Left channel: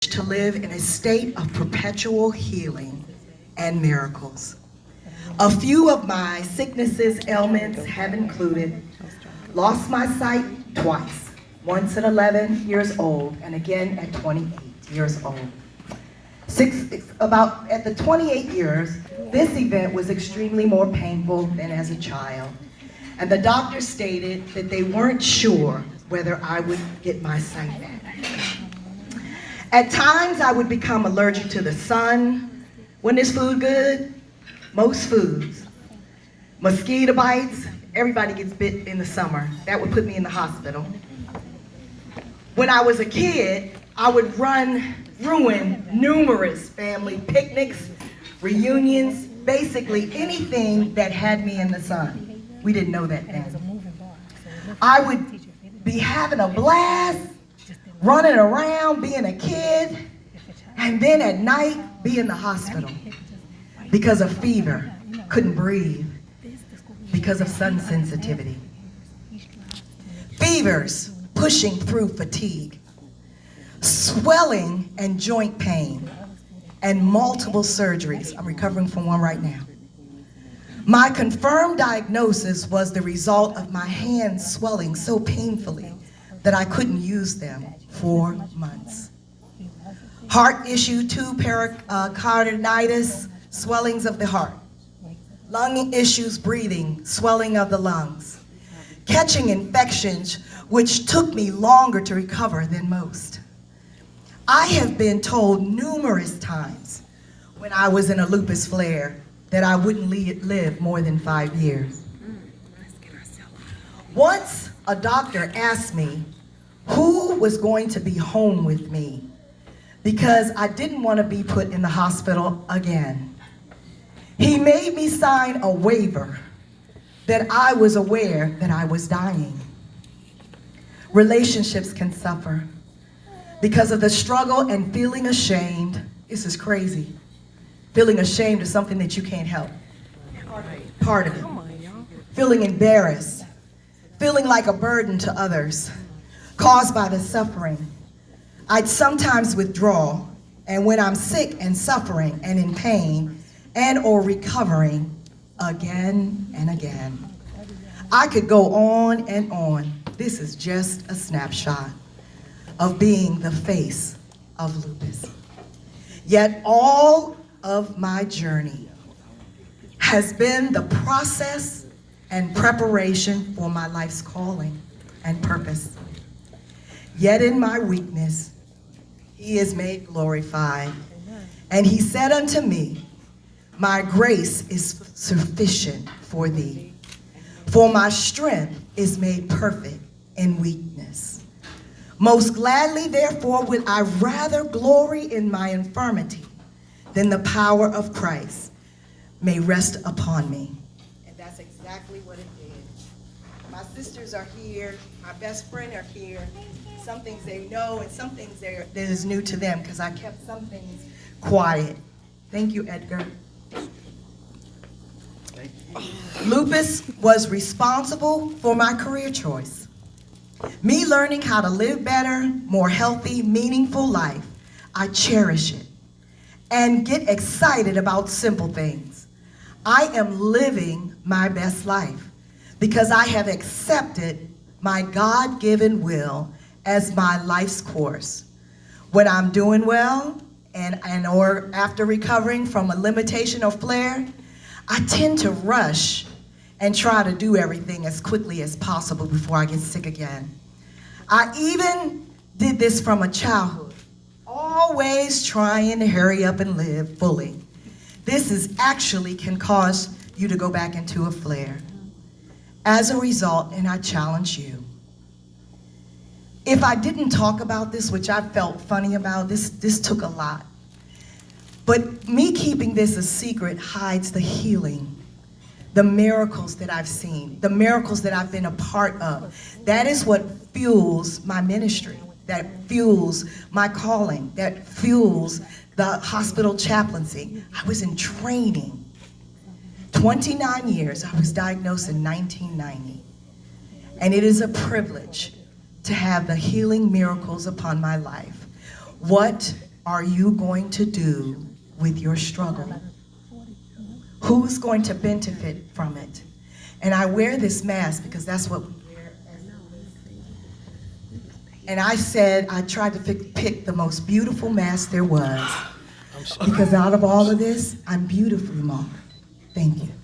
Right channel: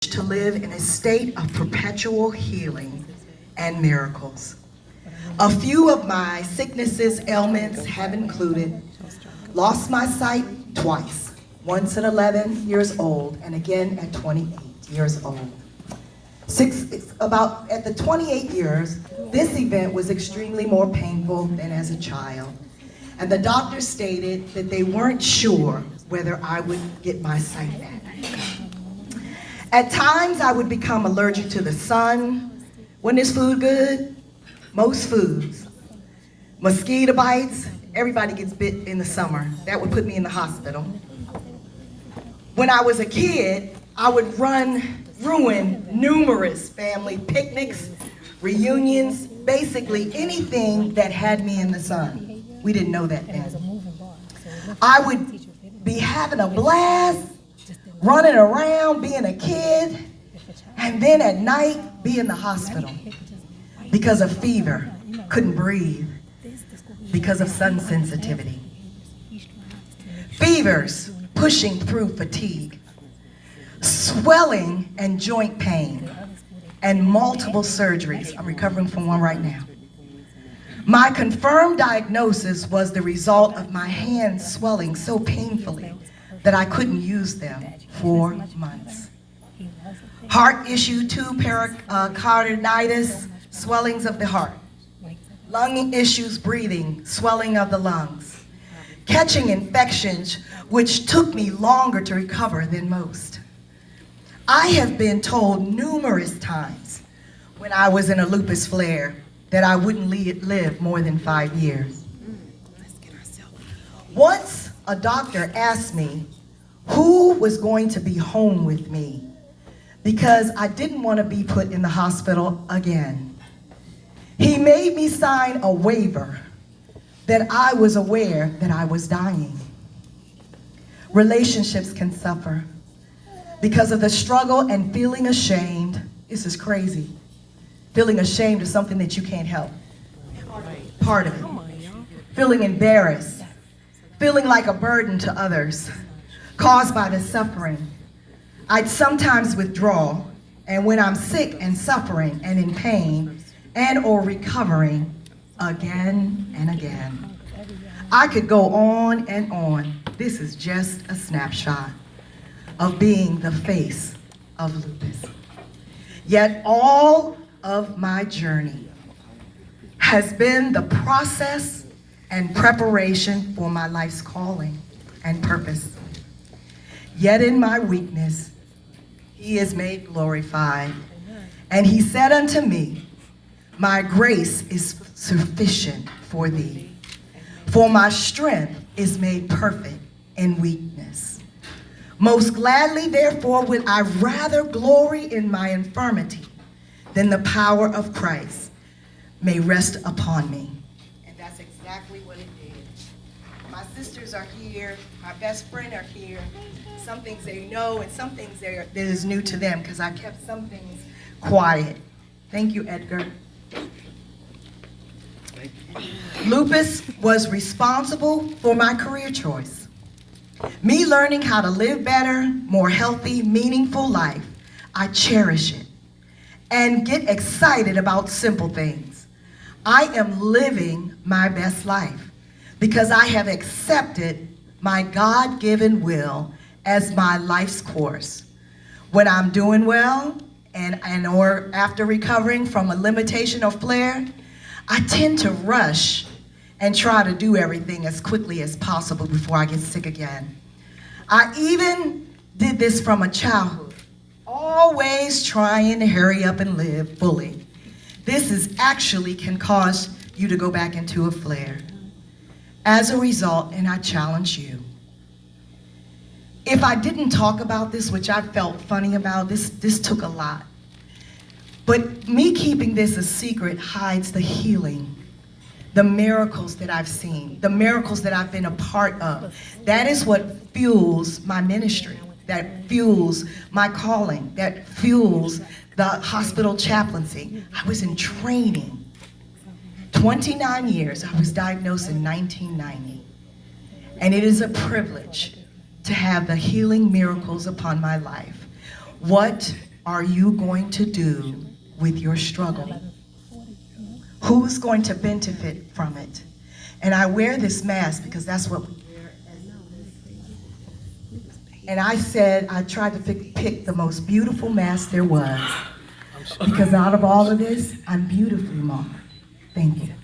to live in a state of perpetual healing and miracles. A few of my sicknesses, ailments have included lost my sight twice, once at 11 years old and again at 28 years old. At the 28 years, this event was extremely more painful than as a child. And the doctor stated that they weren't sure whether I would get my sight back. At times, I would become allergic to the sun. When is food good? Most foods. Mosquito bites, everybody gets bit in the summer. That would put me in the hospital. When I was a kid, I would ruin numerous family picnics, reunions, basically anything that had me in the sun. We didn't know that then. I would be having a blast, running around, being a kid, and then at night be in the hospital because of fever, couldn't breathe, because of sun sensitivity. Fevers, pushing through fatigue, swelling and joint pain, and multiple surgeries. I'm recovering from one right now. My confirmed diagnosis was the result of my hands swelling so painfully that I couldn't use them for months. Heart issue 2, pericarditis, swellings of the heart. Lung issues, breathing, swelling of the lungs. Catching infections, which took me longer to recover than most. I have been told numerous times when I was in a lupus flare that I wouldn't live more than 5 years. Once a doctor asked me who was going to be home with me because I didn't want to be put in the hospital again. He made me sign a waiver that I was aware that I was dying. Relationships can suffer because of the struggle and feeling ashamed. This is crazy. Feeling ashamed of something that you can't help. Part of it. Feeling embarrassed. Feeling like a burden to others caused by the suffering. I'd sometimes withdraw, and when I'm sick and suffering and in pain and or recovering again and again. I could go on and on. This is just a snapshot of being the face of lupus. Yet all of my journey has been the process and preparation for my life's calling and purpose. Yet in my weakness, he is made glorified. And he said unto me, my grace is sufficient for thee, for my strength is made perfect in weakness. Most gladly, therefore, would I rather glory in my infirmity than the power of Christ may rest upon me. And that's exactly what it did. My sisters are here, my best friend are here. Some things they know and some things that is new to them because I kept some things quiet. Thank you, Edgar. Lupus was responsible for my career choice. Me learning how to live better, more healthy, meaningful life. I cherish it and get excited about simple things. I am living my best life because I have accepted my God-given will as my life's course. When I'm doing well or after recovering from a limitation or flare, I tend to rush and try to do everything as quickly as possible before I get sick again. I even did this from a childhood, always trying to hurry up and live fully. This is actually can cause you to go back into a flare. As a result, and I challenge you, if I didn't talk about this, which I felt funny about, this took a lot. But me keeping this a secret hides the healing, the miracles that I've seen, the miracles that I've been a part of. That is what fuels my ministry, that fuels my calling, that fuels the hospital chaplaincy. I was in training. 29 years, I was diagnosed in 1990. And it is a privilege to have the healing miracles upon my life. What are you going to do with your struggle? Who's going to benefit from it? And I wear this mask because that's what we wear. And I said, I tried to pick the most beautiful mask there was. Because out of all of this, I'm beautifully marked. Thank you.